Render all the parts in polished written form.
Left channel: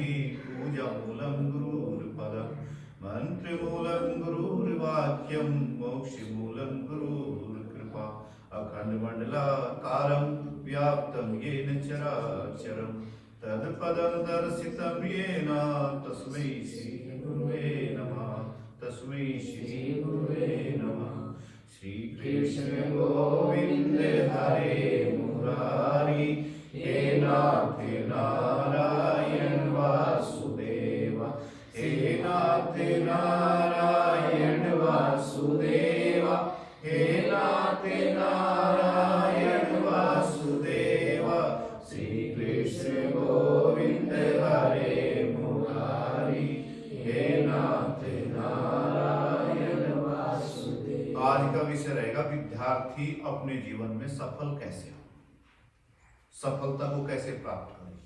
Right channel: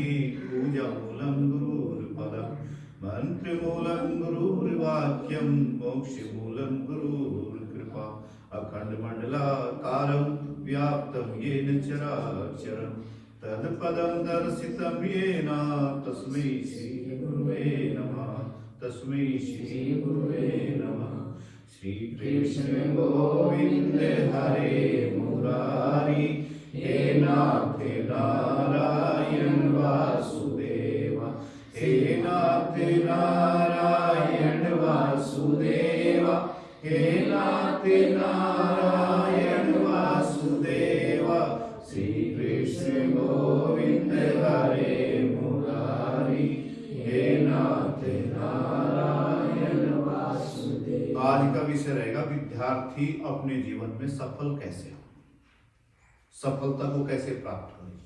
पूजामूलं गुरुर्पदम् मंत्रमूलं गुरुर्वाक्यं मोक्षमूलं गुरुर्कृपा अखण्डमण्डलाकारं व्याप्तं येन चराचरं तत्पदं दर्शितं येन तस्मै श्रीगुरुवे नमः तस्मै श्रीगुरुवे नमः। श्री कृष्ण गोविंद हरे मुरारी हे नाथ नारायण वासुदेव हे नाथ नारायण वासुदेव हे नाथ नारायण वासुदेव। श्री कृष्ण गोविंद हरे मुरारी हे नाथ नारायण वासुदेव। आज का विषय रहेगा विद्यार्थी अपने जीवन में सफल कैसे हो, सफलता को कैसे प्राप्त करें।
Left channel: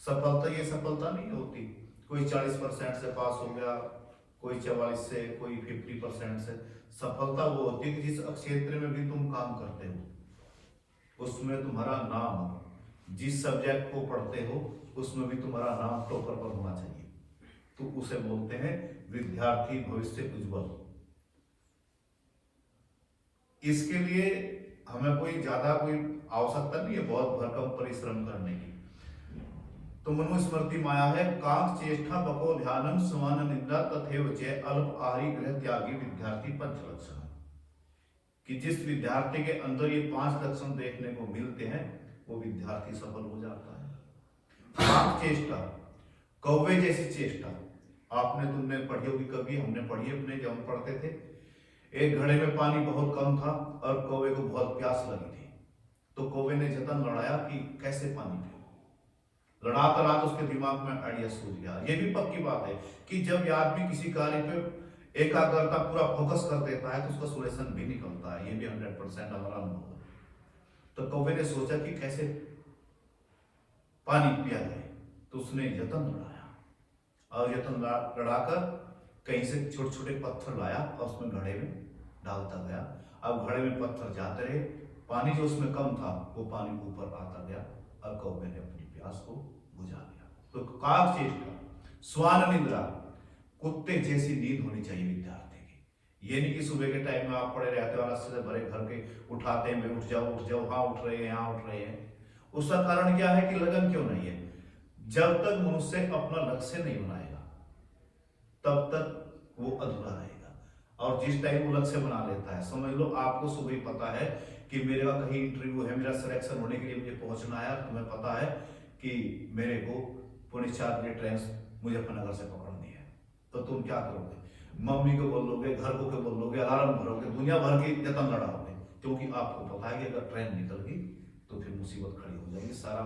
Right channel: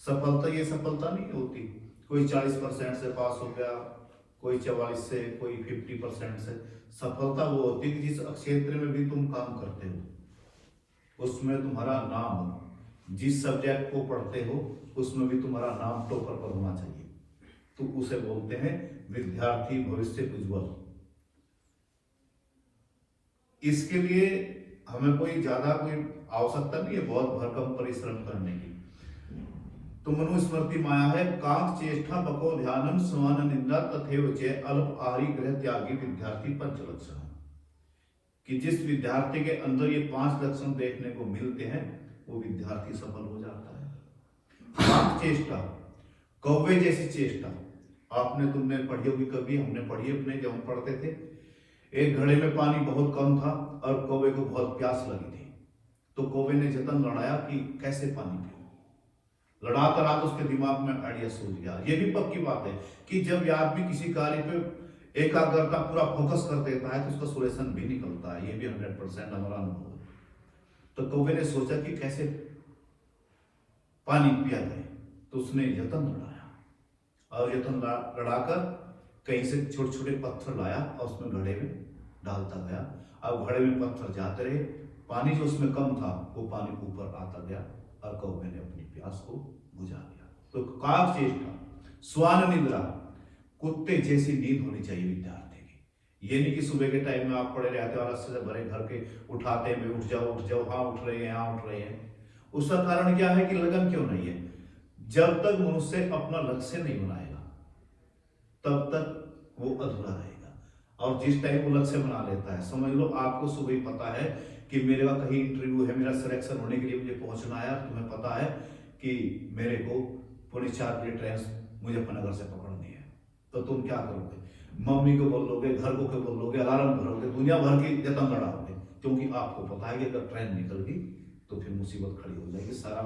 सफलता ये सफलता नहीं होती कोई 40% से पास हो गया, कोई 44 से, कोई 50% से। सफलता वो होती है जिस क्षेत्र में भी तुम काम करते हो उसमें तुम्हारा नाम हो, जिस सब्जेक्ट को पढ़ते हो उसमें भी तुम्हारा नाम टॉपर पर होना चाहिए, तो उसे बोलते हैं विद्यार्थी भविष्य उज्जवल। इसके लिए हमें कोई ज्यादा कोई आवश्यकता नहीं है बहुत भरकम परिश्रम करने की। तो मनुस्मृति माया है कांक चेष्टा बको ध्यानम समान निंदा तथैव च अल्प आहारी गृह त्यागी विद्यार्थी पंच लक्षण, कि जिस विद्यार्थी के अंदर ये 5 लक्षण देखने को मिलते हैं वो विद्यार्थी सफल हो जाता है। कांक चेष्टा, कौवे जैसी चेष्टा आपने तुमने पढ़ी होगी, कभी हमने पढ़ी अपने जब हम पढ़ते थे। एक घड़े में पानी बहुत कम था और कौवे को बहुत प्यास लगी थी, तो कौवे ने जतन लड़ाया कि कैसे पानी पिए। लड़ाता रहा तो उसके दिमाग में आइडिया सूझ गया। ये भी पक्की बात है कि जब आदमी किसी कार्य पे एकाग्रता पूरा फोकस कर देता है तो उसका सोल्यूशन भी निकलता है। ये भी 100% हमारा अनुभव है। तो कौवे ने सोचा कि कैसे पानी पिया जाए, तो उसने यतन लड़ाया और यतन लड़ाकर कहीं से छोटे छोटे पत्थर लाया और उसमें घड़े में डालता गया। अब घड़े में पत्थर जाते रहे, पानी जो उसमें कम था वो पानी ऊपर आता गया और कौवे ने अपनी प्यास को बुझा दिया। तो काक चेष्टा, स्वान निद्रा, कुत्ते जैसी नींद होनी चाहिए विद्यार्थी की। ये नहीं कि सुबह के टाइम में आप पड़े रहते हो से भरे घर के उठाते हैं, उठ जाओ हाँ उठ रहे हैं, हाँ उठ रहे हैं। उसका कारण क्या है कि लगन क्यों नहीं है। जब तक मनुष्य अपना लक्ष्य नहीं बनाएगा तब तक वो अधूरा रहेगा। और जिस टाइम वो लक्ष्य बना लेता है, समझ लो आपको सुबह ही पता है कि मेरे का कहीं इंटरव्यू है, मेरा सिलेक्शन होने के लिए मुझे पहुंचना है, तुम्हें पता है कि मेरे को पुणे 4 बजे ट्रेन मुजफ्फरनगर से पकड़नी है, तो तुम क्या करोगे? मम्मी को बोलोगे, घर को बोलोगे, अलार्म भरोगे, दुनिया भर की जतन लड़ाओगे, क्योंकि आपको पता है कि अगर ट्रेन निकल गई तो फिर मुसीबत खड़ी हो जाएगी, सारा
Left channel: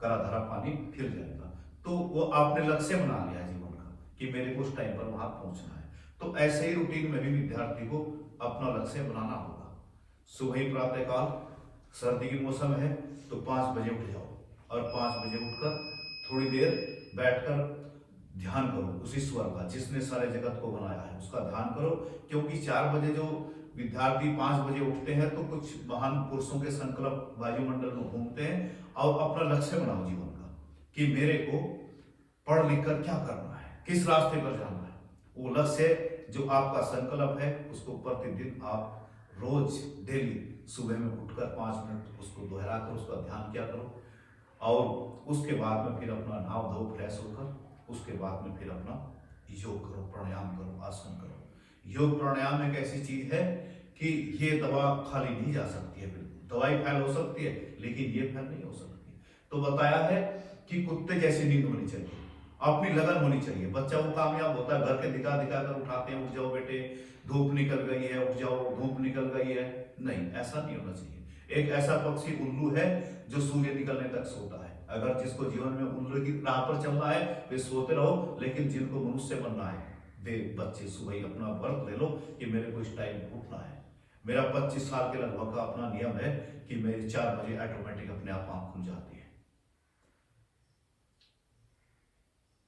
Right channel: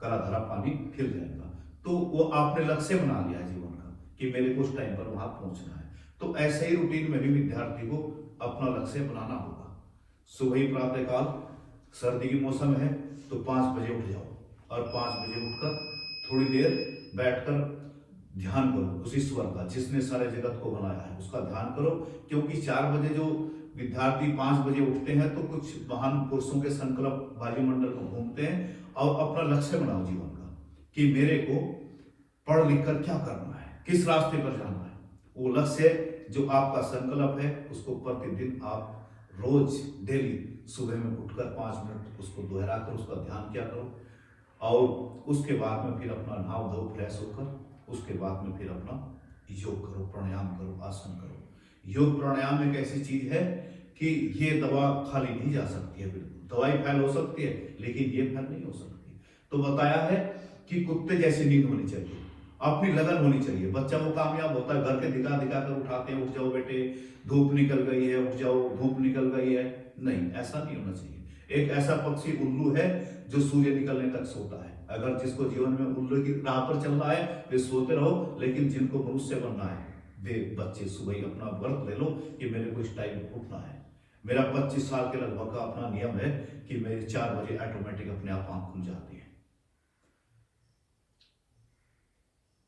करा धरा पानी फिर जाएगा। तो वो आपने लक्ष्य बना लिया जीवन का कि मेरे को उस टाइम पर वहां पहुंचना है। तो ऐसे ही रूटीन में भी विद्यार्थी को अपना लक्ष्य बनाना होगा। सुबह ही प्रातः काल, सर्दी की मौसम है तो 5 बजे उठ जाओ और 5 बजे उठकर थोड़ी देर बैठकर ध्यान करो उस ईश्वर का जिसने सारे जगत को बनाया है, उसका ध्यान करो। क्योंकि 4 बजे जो विद्यार्थी 5 बजे उठते हैं तो कुछ महान पुरुषों के संकल्प वायुमंडल को घूमते हैं और अपना लक्ष्य बनाओ जीवन का कि मेरे को पढ़ लिख कर क्या करना है, किस रास्ते पर जाना है। वो लक्ष्य जो आपका संकल्प है उसको प्रतिदिन आप रोज डेली सुबह में उठकर 5 मिनट उसको दोहरा कर उसका ध्यान किया करो। और उसके बाद में फिर अपना नहाव धो फ्रेश होकर उसके बाद में फिर अपना योग करो, प्राणायाम करो, आसन करो। योग प्राणायाम एक ऐसी चीज है कि ये दवा खाली नहीं जा सकती है। बिल्कुल दवाई फैल हो सकती है लेकिन ये फैल नहीं हो सकती। तो बताया है कि कुत्ते जैसी नींद होनी चाहिए, अपनी लगन होनी चाहिए। बच्चा वो कामयाब होता है, घर के दिखा दिखा कर उठाते हैं, उठ जाओ बेटे धूप निकल गई है, उठ जाओ धूप निकल गई है। नहीं, ऐसा नहीं होना चाहिए। एक ऐसा पक्षी उल्लू है जो सूर्य निकलने तक सोता है। अगर जिसको जीवन में उल्लू की राह पर चलना है वे सोते रहो, लेकिन जिनको मनुष्य बनना है वे बच्चे सुबह ही अपना व्रत ले लो कि मेरे को इस टाइम उठना है। मेरा 25 साल के लगभग का अपना नियम है कि मेरी 4 बजे ऑटोमेटिक अपने आप आंख खुल जाती है।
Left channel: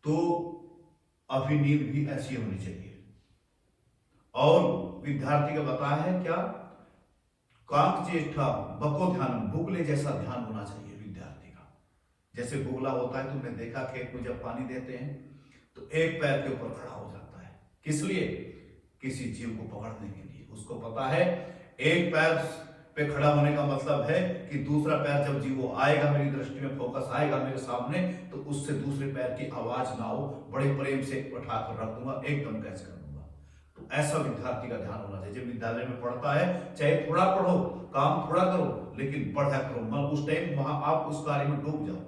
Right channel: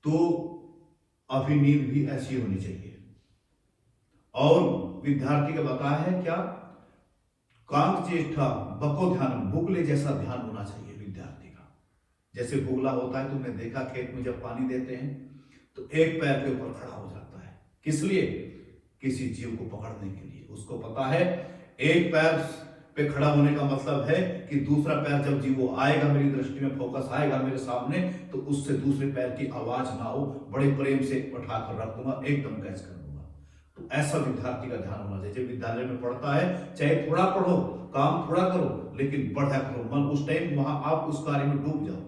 तो अभी नींद भी ऐसी होनी चाहिए। और विद्यार्थी का बताया है क्या, कांक चेष्टा बको ध्यान, बुकले जैसा ध्यान होना चाहिए विद्यार्थी का। जैसे बुगला होता है, तुमने देखा खेत में जब पानी देते हैं तो एक पैर के ऊपर खड़ा हो जाता है। किस लिए? किसी जीव को पकड़ने के लिए। उसको पता है एक पैर पे खड़ा होने का मतलब है कि दूसरा पैर जब जीव वो आएगा, मेरी दृष्टि में फोकस आएगा मेरे सामने, तो उससे दूसरे पैर की आवाज ना हो, बड़े प्रेम से उठाकर रख दूंगा, एकदम कैच कर दूंगा। तो ऐसा विद्यार्थी का ध्यान होना चाहिए। जब विद्यालय में पढ़ता है, चाहे थोड़ा पढ़ो, काम थोड़ा करो, लेकिन बढ़िया करो। मन उस टाइम वहां आप उस कार्य में डूब जाओ।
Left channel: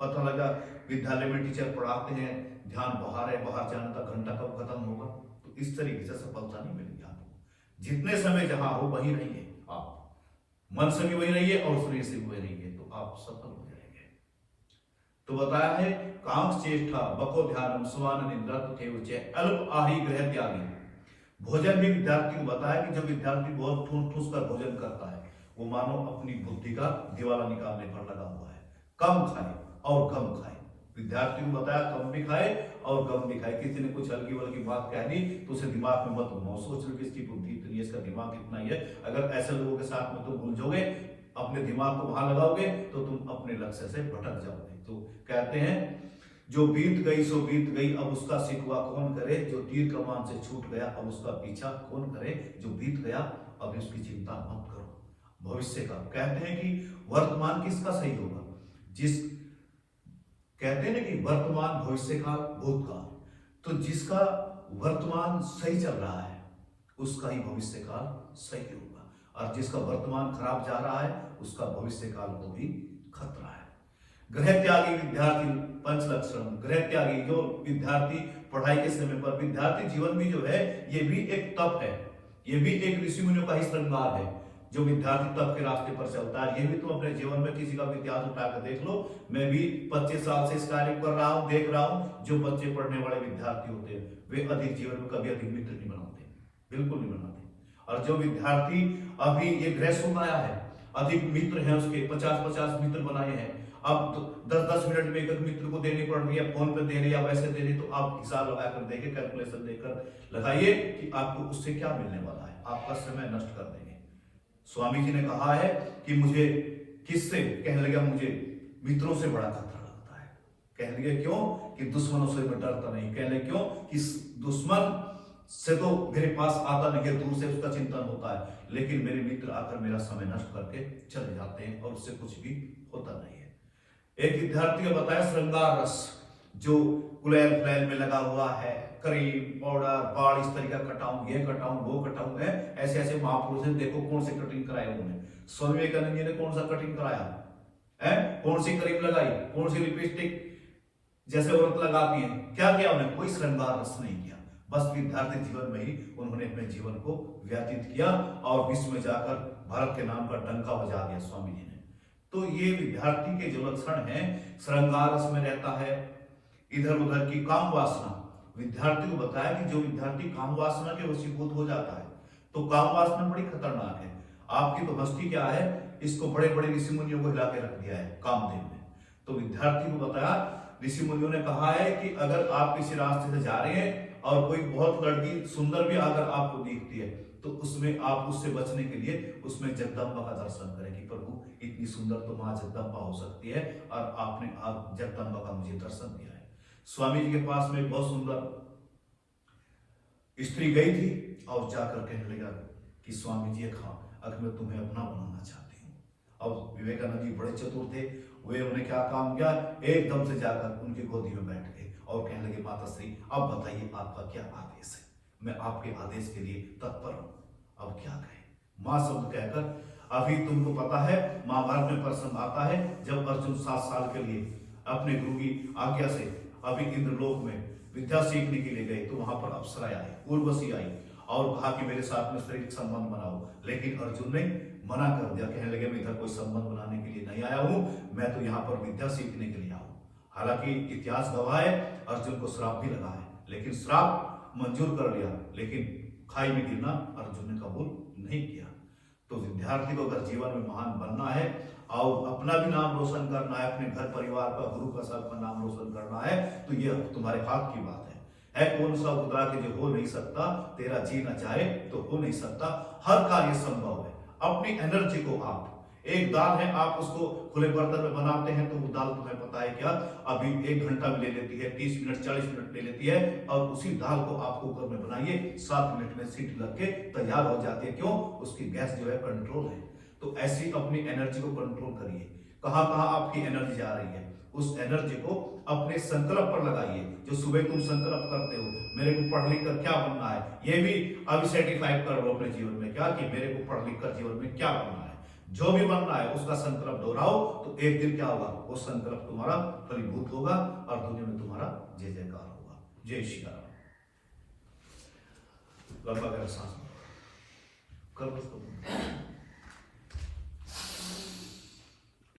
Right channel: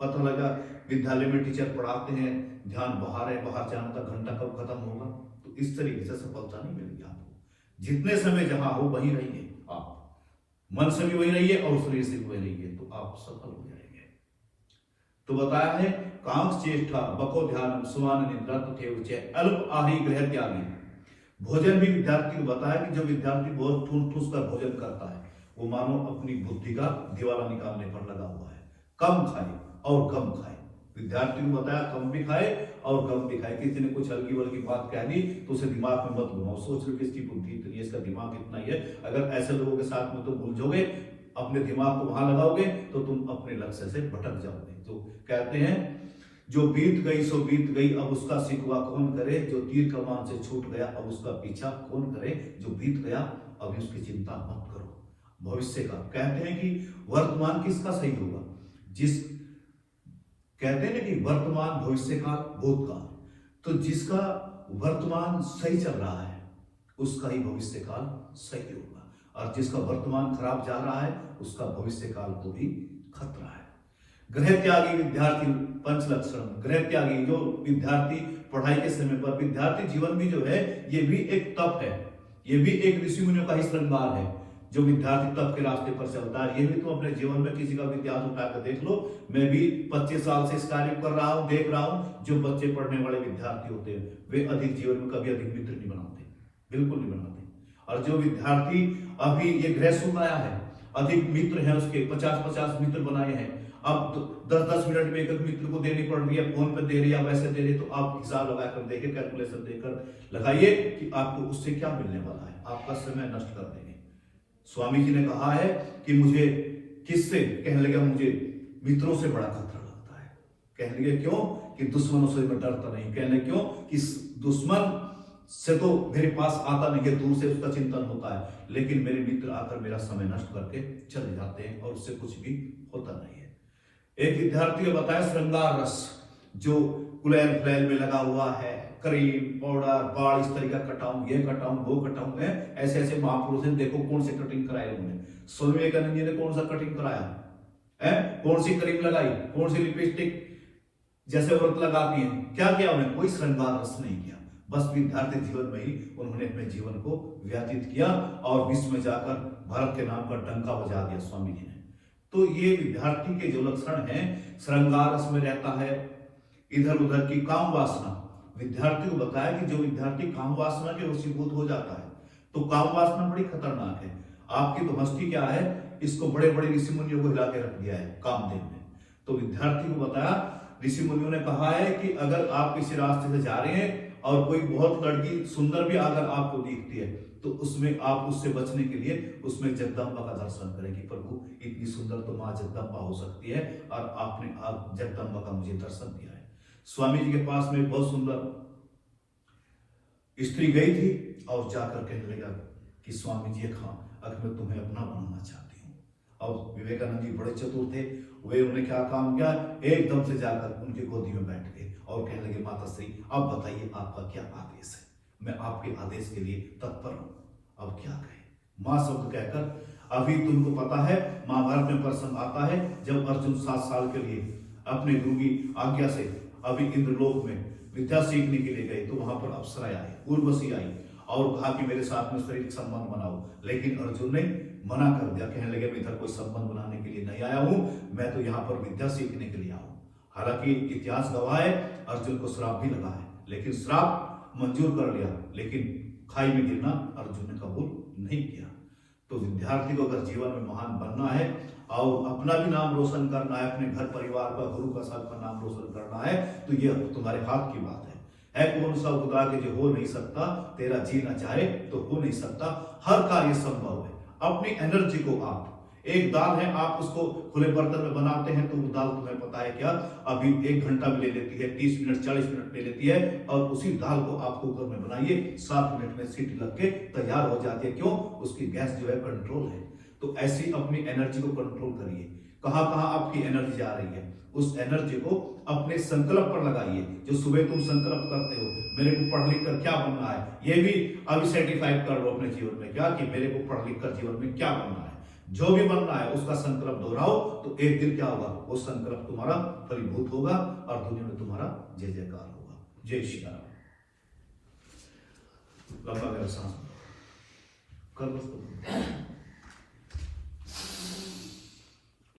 पता लगा विद्यालय में टीचर पढ़ाते हैं, ध्यान बाहर है, बाहर जाने का घंटा कब खत्म होगा, तो इस तरीके से सफलता नहीं मिलेगी आपको। जितने समय जहां हो वहीं रहिए, आप मन से भी वही रहिए और शरीर से भी वही रहिए, तो आप सफल हो जाएंगे। तो बताया है कांक्ष चेष्टा बको ध्यानम स्वान निद्रा तथैव अल्प आही गृह त्यागी। भोजन भी विद्यार्थी को बताया कि जो विद्यार्थी बहुत ठूस ठूस कर भोजन करता है, वो मानो अपनी बुद्धि का दिवाला निकालने पर लगा हुआ है। कम खाए और कम खाए। विद्यार्थी को बताया कम भी खाए और कम भी खाए। किसी ने कुछ हल्की वल्की बात कह दी तो उसे दिमाग में मत घुमाओ, सोच लो कि इसकी बुद्धि इतनी है, इसका दिमाग इतना ही है। अगर ऐसे लोगों के साथ में तुम उलझोगे, अपने दिमाग को वहां लगाओगे, तो तुम अपने लक्ष्य से भटक जाओगे। तो कहते हैं जो बीत गई सो बीत गई, अब उसका सिकवा कौन करे, जो तीर कमान से छूट गया अब उसका पीछा कौन करे, जो बीत गया अब उसकी चिंता मत करो। भविष्य का कहते हैं कि वर्तमान किसका सही होगा, जिस कहते हैं कि वर्तमान भविष्य काल भूतकाल, तो जिसका वर्तमान सही चल रहा है उसका ही भविष्य काल सही होगा, और जिसका वर्तमान खराब जा रहा है उसका भविष्य काल को भी खतरा है। ग्रह त्यागी विद्यार्थी पंच लक्षण। ग्रह त्यागी जो विद्यार्थी पढ़ाई के समय पर, विद्यार्थी जीवन भी जो है ये भी एक तप है, ये भी एक ऋषि मुनियों का ही श्रृंगार है। जो विद्यार्थी तप के रास्ते पर चलता है, ये भी तो अपने जीवन में किसी का भी इतिहास उठाकर देख लो। मैं भी 25 साल से इस कार्य कर रहा हूँ, देख रहा हूँ। जो बच्चे पढ़ने वाले विद्यार्थी होते हैं वे अधिक जीवन में कभी अधिक मित्र नहीं बनाते, बिल्कुल नहीं बनाते। और जो विद्यार्थी अभी ये ग्रह सुन आया है, अधिक मित्र हैं उसके, 50-50 मित्र बनाए हैं, अब 10-10 मिनट में एक मित्र को देनी पड़ रही है, फोन पे दे रही है, वैसे दे रही, तो आप हिसाब लगाकर देखिए, कैलकुलेशन देकर लगाइए कि आपको उससे क्या मिलने वाला है। आपका समय नष्ट कर देंगे। स्वामी जी ने कहा है कि मुझे किससे, कहने लगा मुझे मित्रों से बड़ा खतरा लगता है। कहने लगे क्यों, कि दुश्मनों से मैं डरता नहीं। कहने क्यों, कि दुश्मन से तो मेरे पास आता नहीं है, दूर से उसका चिंतन होता है, लेकिन मेरे मित्र आकर मेरा समय नष्ट करके चले जाते हैं और उससे कुछ भी होता नहीं है। एक विद्यार्थी ने बताया श्रृंगार रस जो कुलैल फ्लैल में लगा हुआ है, क्रीम पाउडर बाल इस तरीका कटाऊं, ये कटाऊं, वो कटाऊं है, ऐसे ऐसे महापुरुष हैं, देखो कौन से कटिंग कराए उन्होंने। स्वामी विवेकानंद जी ने कौन सा कटिंग कराया है, कौन सी क्रीम लगाई, कौन सी लिपस्टिक जैसे औरत लगाती है, क्या किया उन्हें, कोई श्रृंगार रस नहीं किया। बस विद्यार्थी जीवन में ही उन्होंने अपने जीवन को व्यतीत किया और विश्व में जाकर भारत के नाम पर डंका बजा दिया स्वामी जी ने। तो ये विद्यार्थी के जो लक्षण हैं, श्रृंगार रस में रहता है, इधर उधर की काम वासना। विद्यार्थी को बताया कि जो विद्यार्थी काम वासना के वशीभूत हो जाता है, तो काम वासना बड़ी खतरनाक है। आपकी तो हस्ती क्या है, इसको बड़े बड़े ऋषि मुनियों को हिला के रख दिया है कामदेव ने। तो विद्यार्थी को बताया, ऋषि मुनियों ने कहा है कि अगर आप किसी रास्ते से जा रहे हैं और कोई बहुत लड़की सुंदर भी अगर आपको दिखती है, तो उसमें आप उससे बचने के लिए उसमें जगदम्बा का दर्शन करें कि प्रभु इतनी सुंदर तो मां जगदम्बा हो सकती है, और आपने आप जगदम्बा का मुझे दर्शन दिया है। स्वामी जी के पास में बहुत सुंदर स्त्री गई थी और जाकर कहने लगा कि स्वामी जी अगर मैं तुम्हें अपना बनाना चाहती हूँ। और विवेकानंद जी बड़े चतुर थे, वे उन्होंने क्या काम किया, एकदम से जाकर उनकी गोदी में बैठ गए और कहने लगे माता श्री अब बताइए आपका क्या आदेश है, मैं आपके आदेश के लिए तत्पर हूँ, अब क्या कहें। माँ शब्द कहकर अभी तुमको पता है महाभारत में प्रसंग आता है जब अर्जुन 7 साल के लिए अपने गुरु की आज्ञा से अभी इंद्रलोक में विद्या सीखने के लिए गए, तो वहां पर अप्सराएं आई, उर्वशी आई और कहा कि मेरे साथ में शारीरिक संबंध बनाओ, लेकिन अर्जुन ने मना कर दिया। कहने लगे मैं इधर कोई संबंध बनाने के लिए नहीं आया हूं, मैं तो यहाँ पर विद्या सीखने के लिए आया हूं। हालांकि इतिहास गवाह है अर्जुन को श्राप भी लगा है, लेकिन श्राप मंजूर कर लिया, लेकिन खाई में गिरना अर्जुन ने कबूल नहीं किया। तो विद्यार्थी को अगर जीवन में महान बनना है और अपना भी नाम रोशन करना है, अपने घर परिवार का गुरु का सबका नाम रोशन करना है, तो ये तुम्हारे हाथ की बात है कौन सा खुदा के जो हो नहीं सकता, तेरा जी ना चाहे तो हो नहीं सकता, हर कार्य संभव है। अपनी एनर्जी को आप एक दाल है, आप उसको खुले बर्तन में बनाते हैं तो वो दाल तुम्हें पता है क्या, अभी 1 घंटा भी ले लेती है, 30 मिनट 40 मिनट ले लेती है, और उसी दाल को आप कुकर में बनाइए, 7 मिनट में सीटी लग के तैयार हो जाती है। क्यों? उसकी गैस जो है कंट्रोल है। तो ऐसी अपनी एनर्जी को कंट्रोल करिए। कहां कहां आपकी एनर्जी जा रही है, उस एनर्जी को अपने संकल्प पर लगाइए। जो सुबह तुम संकल्प करते हो, मेरे को पढ़ लिख कर क्या बनना है, ये भी अभी सर्टिफाइड कर लो अपने जीवन में, क्या कि मेरे को पढ़ लिख कर जीवन में क्या बनना है। जो भी बनना है उसका संकल्प दोहराओ, तो एक दिन क्या होगा, वो संकल्प तुम्हारा फलीभूत होगा और दुनिया में तुम्हारा जय जयकार होगा। जय श्री राम। लंबा गहरा सांस कर लो।